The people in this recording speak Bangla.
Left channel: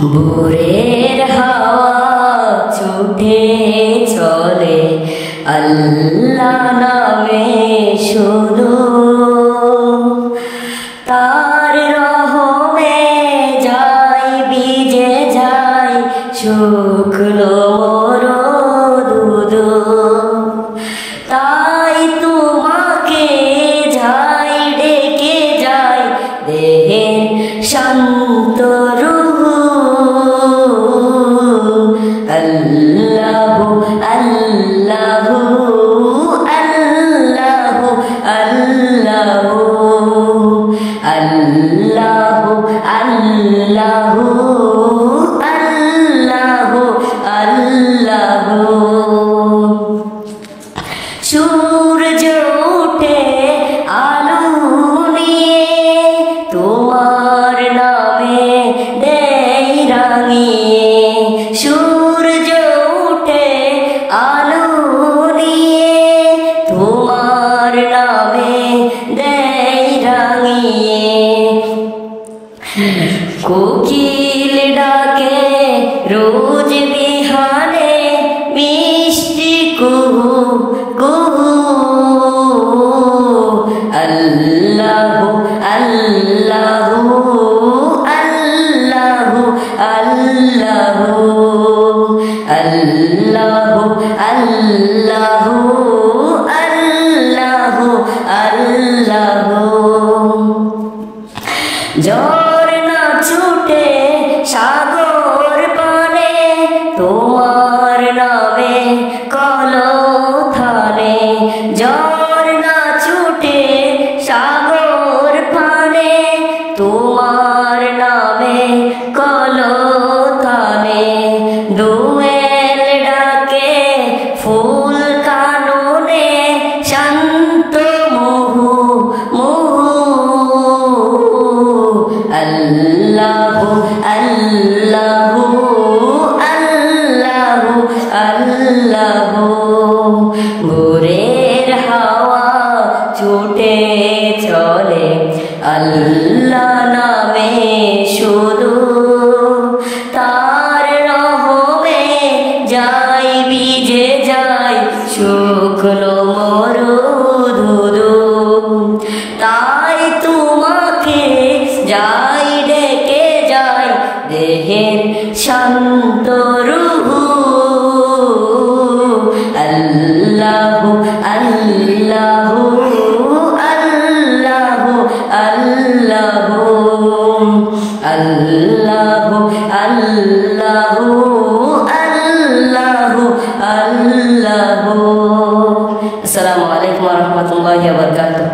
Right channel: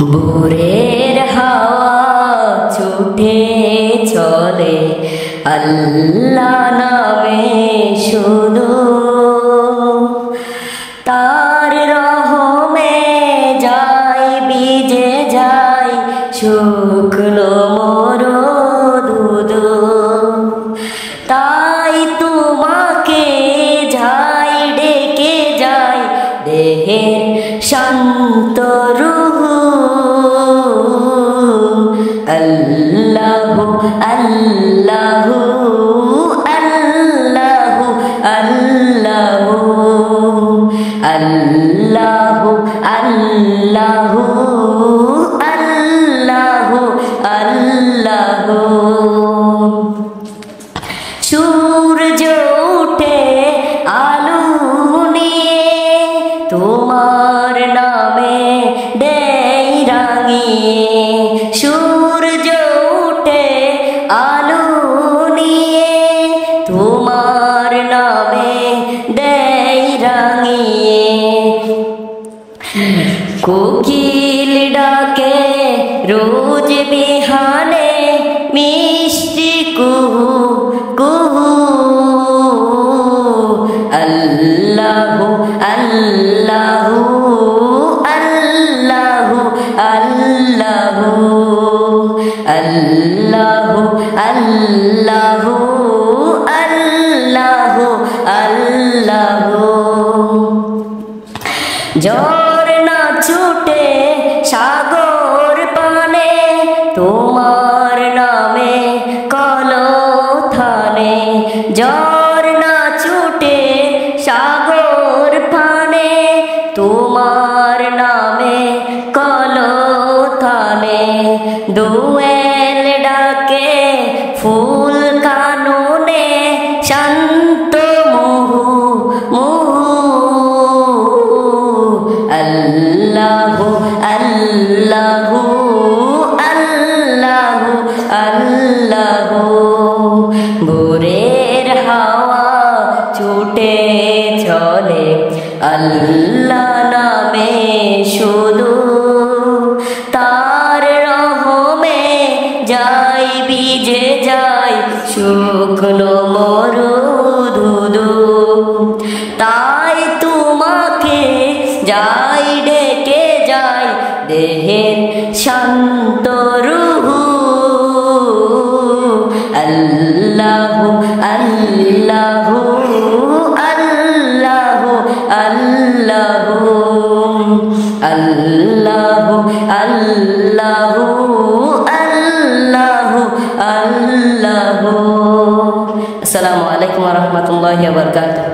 ভোরের হাওয়া ছুটে চলে আল্লাহ নামে শুধু, তার রহমে যাই ভিজে যায় শুকনো মরুদ। তাই তোমাকে যাই ডেকে যায় দেহের শান্ত রূহ। আল্লাহু আল্লাহু আল্লাহু আল্লাহু আল্লাহু আল্লাহু আল্লাহু আল্লাহু। সূর্য ওঠে আলো নিয়ে তোমার নামে দেয় রাঙিয়ে। সূর্য ওঠে আলো নিয়ে তোমার নামে দেয় রাঙিয়ে। কোকিল ডাকে রোজ বিহানে মিষ্টি কুহু কুহু। আল্লাহু আল্লাহু আল্লাহু আল্লাহু আল্লাহু আল্লাহু আল্লাহু আল্লাহু। ঝর্ণা ছুটে সাগর পানে তোমার নামে কলথানে। ঝর্ণা ছুটে সাগর পানে তোমার নামে কলথানে। দোয়েল ডাকে ফুল কাননে শান্ত মুহু মুহু। আল্লাহু আল্লাহু আল্লাহু আল্লাহু। ভোরের হাওয়া ছুটে চলে আল্লাহ নামে শুধু, তার রহমে যাই ভিজে যায় শুকনো মরুদ। তাই তোমাকে যাই ডেকে যায় দেহের শান্ত রূহ। আল্লাহু আল্লাহু আল্লাহু আল্লাহু আল্লাহু আল্লাহু আল্লাহু আল্লাহু। আসসালামু আলাইকুম ওয়া রাহমাতুল্লাহি ওয়া বারাকাতুহু।